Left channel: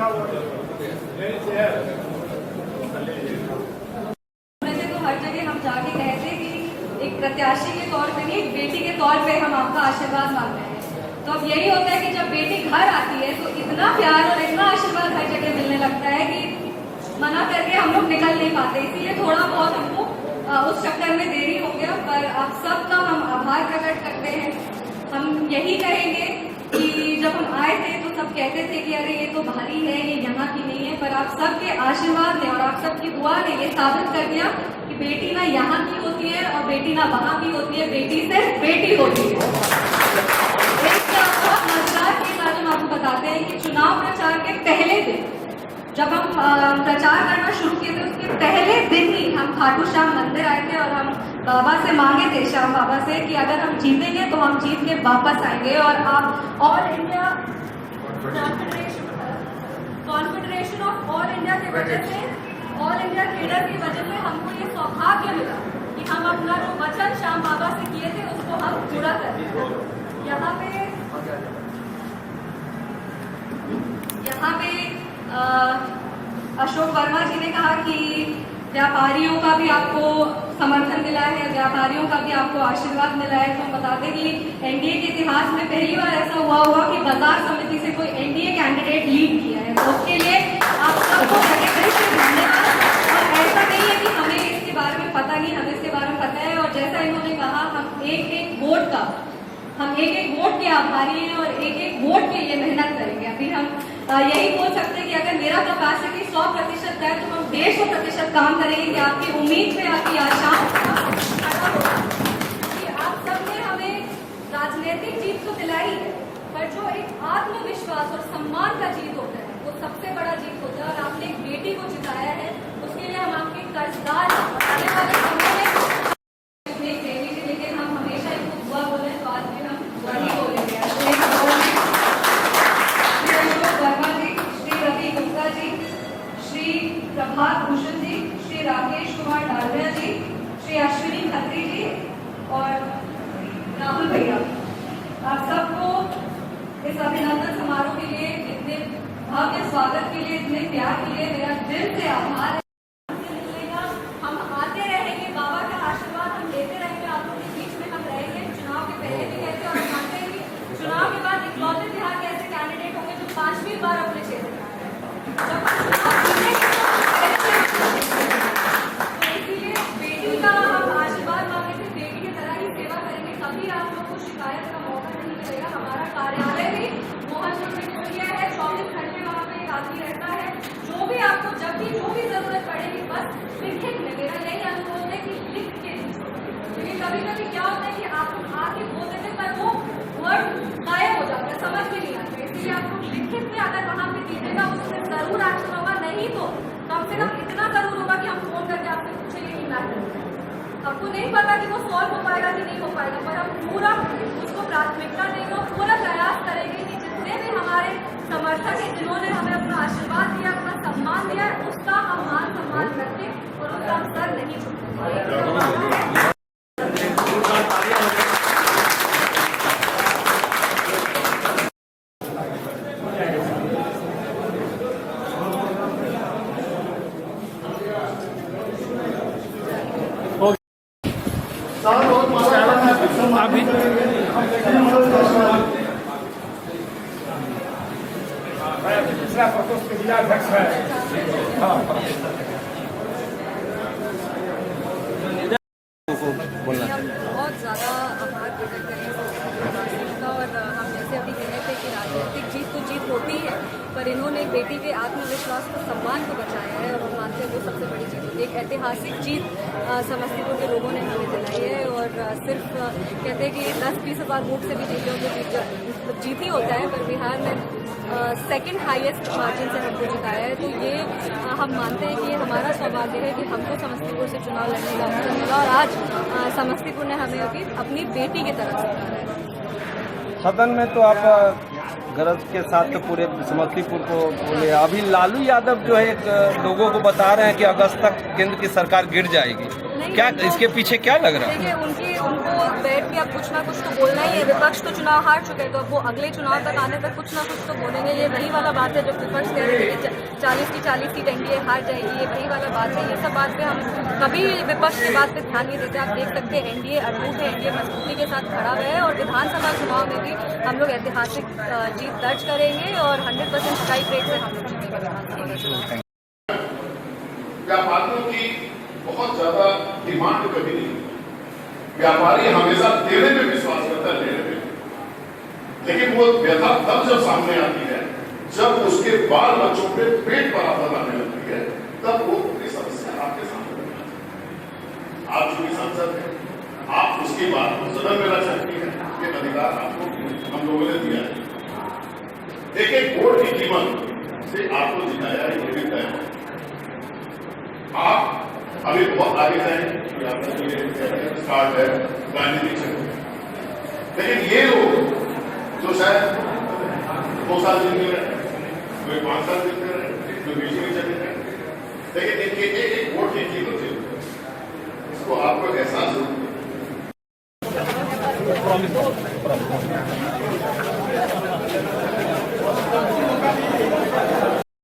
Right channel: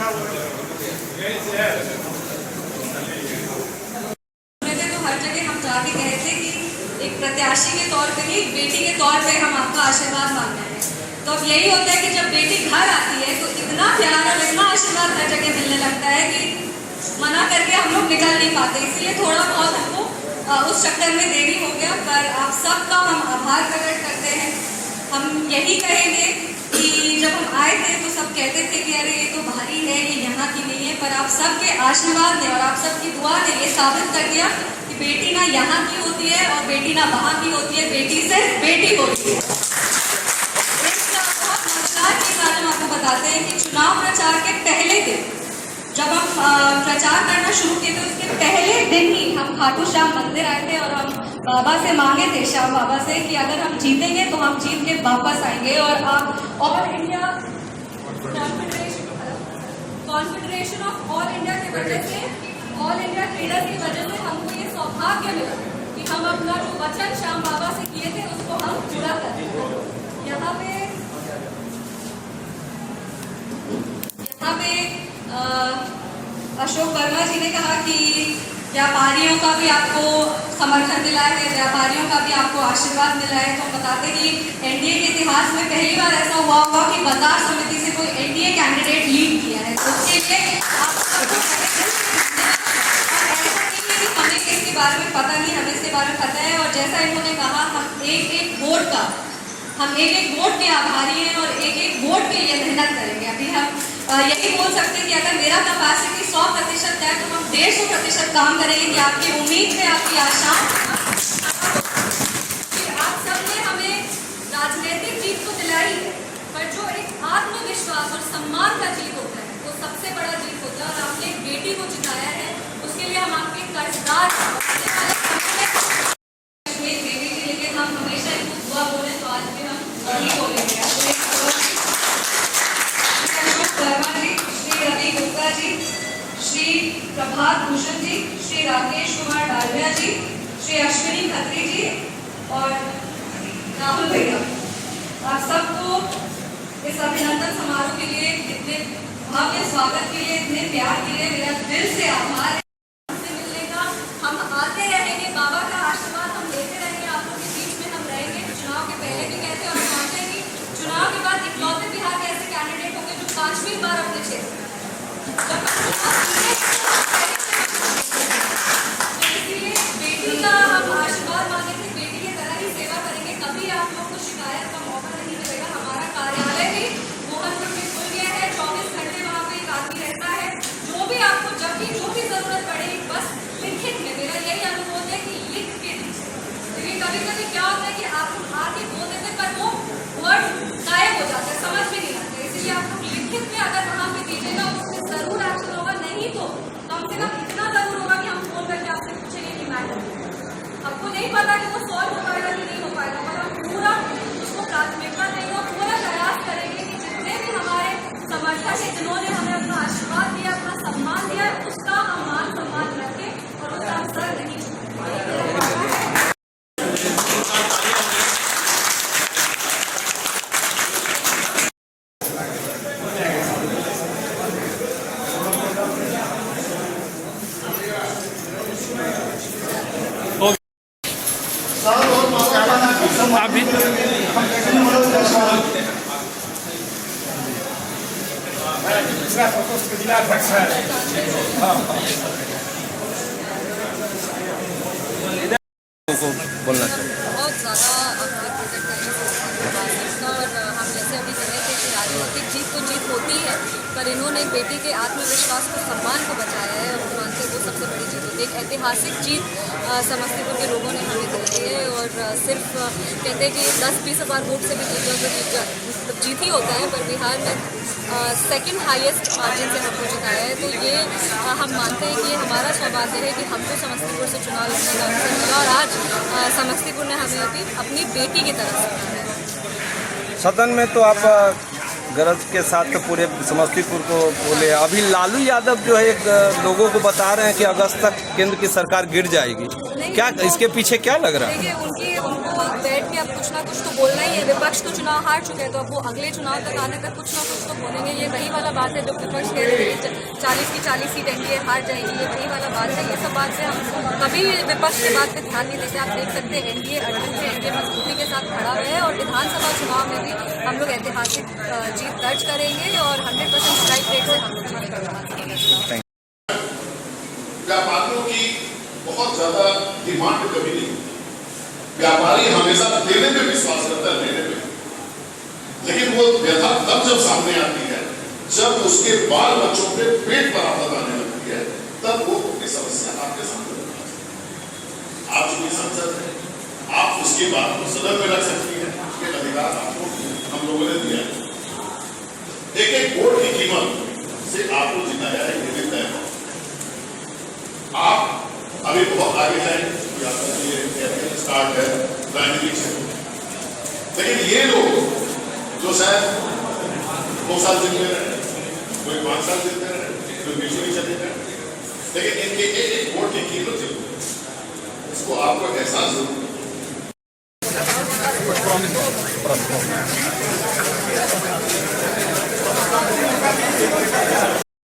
हर जगह हम जाके कहते कि एक प्रत्याशी के तौर पे नहीं, बेटी के तौर पे हम आपका आशीर्वाद मांग रहे हैं। तो अब यही होता है कि जब बेटी घर आती है तो इतना प्यार और इतना आशीर्वाद हर जगह मिलने लगता है कि मना करके हम लोग निकल नहीं पाते। इसीलिए थोड़ा बहुत हमको उस चक्कर में देरी हो गया, पर आप सबका हम आभार प्रकट करते हैं। हम यही कहेंगे कि जब हम आए थे तो सब कहते थे कि अरे ये तो भारी है, ये यहाँ की नहीं है, पर आप सबके आशीर्वाद ने और आप सबकी दुआ ने ये साबित कर दिया कि बेटी ना यहाँ की होती है और बेटी ना वहाँ की होती है, बेटी से बेटी होती है। इसका बहुत मजेदार चीज आज हम आपको बताते हैं कि चुनाव प्रचार के पहले दिन जब हम प्रचार करना शुरू किए थे, उसके पहले दिन ही हम खाटू श्याम मंदिर आए थे और हम बाबा से मांगे थे, श्याम बाबा से, कि अगर हम जीतेंगे तो हम जीत के वापस आएंगे और आप all India confederation of all India की वजह से, ऑल इंडिया ट्रेडर्स की वजह से हमको ये सौभाग्य मिला कि हम अपना जो वचन श्याम बाबा से किए थे उसको हम पूरा कर रहे। यहाँ पे अशोक वर्मा जी ने कहा कि व्यापारियों का भी आपको समर्थन मिला है, व्यापारियों का भी आपको आशीर्वाद मिला है। तो हम बताते हैं कि एनडीए के इतिहास में पहली बार ऐसा हुआ होगा कि बाजार समिति से कोई एनडीए कैंडिडेट लीड किया है। तो उसके लिए आप सबको धन्यवाद। और ऐसा नहीं है कि हमें इसके बारे में पता नहीं, हमें इसके बारे में पता है। और जैसा इन्होंने कहा, हम एक एक वोट के आभारी हैं और एक एक वोट के लिए मेहनत करेंगे। अभी हम यही बोल सकते हैं कि अगर मेरा कैपेसिटी 100% है तो हम 150% काम करेंगे कि आपकी उम्मीद पे, आपकी आशाओं कि आप सबने हमें राजनीतिक जीत तो दिलाई है, पर जो एक आत्मविश्वास और सम्मान का जीत होता है वो सबसे बड़ा जीत होता है। और आपने एक बेटी को जिताया है, उसके लिए हम आपके कर्जदार हैं। आने वाले समय में कश्मीर बेटी के लिए हम हमेशा इनको दुआ बोले, तो आज भी हम वही बोलेंगे। श्री प्रभात भूषण जी, श्री राकेश कुमार डालिया जी, श्री अश्विनी खत्री जी और राहुल भैया, आप सबको इस अभिनंदन समारोह के लिए, इतने भव्य स्वागत के लिए, इतने प्यार के लिए मेरा दिल से आभार है। हमसे मिलने का, हम आते रहेंगे, बाबा का आशीर्वाद हम लेते रहेंगे, आप लोग के बीच में हम रहेंगे। चुनाव के पहले भी कहते हैं और हम मानते हैं कि चुनाव के बाद इकलौते बिहार के ऐसे कैंडिडेट होंगे जो 5वीं बार अपने क्षेत्र में इसीलिए बेटी का हम आशीर्वाद मांगे थे, बेटी की तरह ही सेवा करेंगे। कभी आप लोग को शिकायत का मौका नहीं मिलेगा। हमारा कार्यालय भी मोहनपुर में खुल गया है, 24 घंटे वहाँ पे एक आदमी रहता है। जो भी आपको जब भी जो भी जरूरत पड़े, बस लिखित में मेरा यही अनुरोध है कि लिख के दीजिए, क्योंकि कभी कभी क्या होता है कि आप लोग आके बोल देते पर वो वर्ड गायब हो जाता है, समझ में नहीं आता। इसलिए आप लोग लिखित में अगर वहाँ पे दीजिएगा, उसमें जरूर एक्शन होगा। नहीं तो कम से कम इतना जरूर होगा कि हम फोन करके आपसे पूछेंगे कि मैटर आपको नहीं पता कि वो सॉल्व हो पाएगा कि नहीं हो पाएगा, पर हम पूरा उसको प्राथमिकता देंगे और पूरा प्रयास करेंगे कि जितने भी हमारे समर्थक हैं, जिन्होंने हमें अपना आशीर्वाद दिया, अपना सम्मान दिया है, उसका हम मान सम्मान रखें और उसका हम सर नहीं छूटेंगे। अभी दूसरा प्रकोष्ठ के जिलाध्यक्ष है। बहुत ज़्यादा आभार प्रकट करें और हम जैसे अभी कहे थे कि राजनीतिक जीत तो जीत होती है, पर इन्होंने बेटी के आत्मविश्वास को, सम्मान को बचाया है और हम मानते हैं वो सबसे बड़ी जीत होती है। एक ऐतिहासिक जीत समस्तीपुर के लोगों ने हमें दिलाई है और सिर्फ कहते हैं कि 10-20 हज़ार वोट से भी जीत ही होता है, पर बिहार में सेकंड हाईएस्ट मार्जिन से हमको जिताया है। तो ये हम मानते हैं कि हमारा सौभाग्य है कि हमको समस्तीपुर से चुनाव लड़ने का अवसर मिला और आज समस्तीपुर ने हमें अभी अपनी बेटी की तरफ से माना है। सदन में तो आप गरज के साथ पूरे समस्तीपुर को बोले। अभी लालू यादव जो है लोगों को बता रहे हैं कि अगस्त तक केंद्र की सरकार गिर जाएगी, क्या इसके पीछे क्या लग रहा है? देखिए, उनको बैठ के अब कुछ ना कुछ तो बोलना ही है। विपक्ष तो चुनाव हार चुके हैं, तो अब वो अगले चुनाव तक आने तक कुछ ना कुछ तो बोलेंगे। ये वही वाला बात है, जब विपक्ष कह रहे थे कि 40 की 40 सीट एनडीए हार जाएगी, ये वही वाला बात है। ये सब बात पे हम कभी विपक्ष की बात पे ध्यान नहीं देते। आप देख सकते हैं एनडीए अड़ूट है, एनडीए मजबूती के साथ खड़ा हुआ है, और विधानसभा चुनाव में भी हम लोग ऐतिहासिक जीत दर्ज करेंगे और 100% स्ट्राइक रेट से हम लोग जीतेंगे विधानसभा का चुनाव। व्यापारियों की बहुत ज्यादा डिमांड कभी नहीं। व्यापारी हमेशा देने में विश्वास करता है, लेने में, लेकिन वो व्यथा तब जब सामने आती है जब उसके बाल बच्चों पे पेट पर आफत आने लगती है, तब वो अपनी समस्या आपके सामने रखती है। आप चूंकि सांसद हैं, आप उसकी बात को सदन में रख सकती है, ये अधिकार आपको हम लोगों ने दिया है। एक वोट की कीमत से आपको जिताया है, ये भी तय है। आप अभी बहुत आगे जाएंगे, स्टार्ट है राजनीतिक क्षेत्र, लेकिन ये लोग जो शायद 2 साल जितने रहे, कोई 5 साल जितने रहे, कोई 20 भी चले रहे, लेकिन इनके एक वोट की कीमत है, इसको आपको एहसास जरूर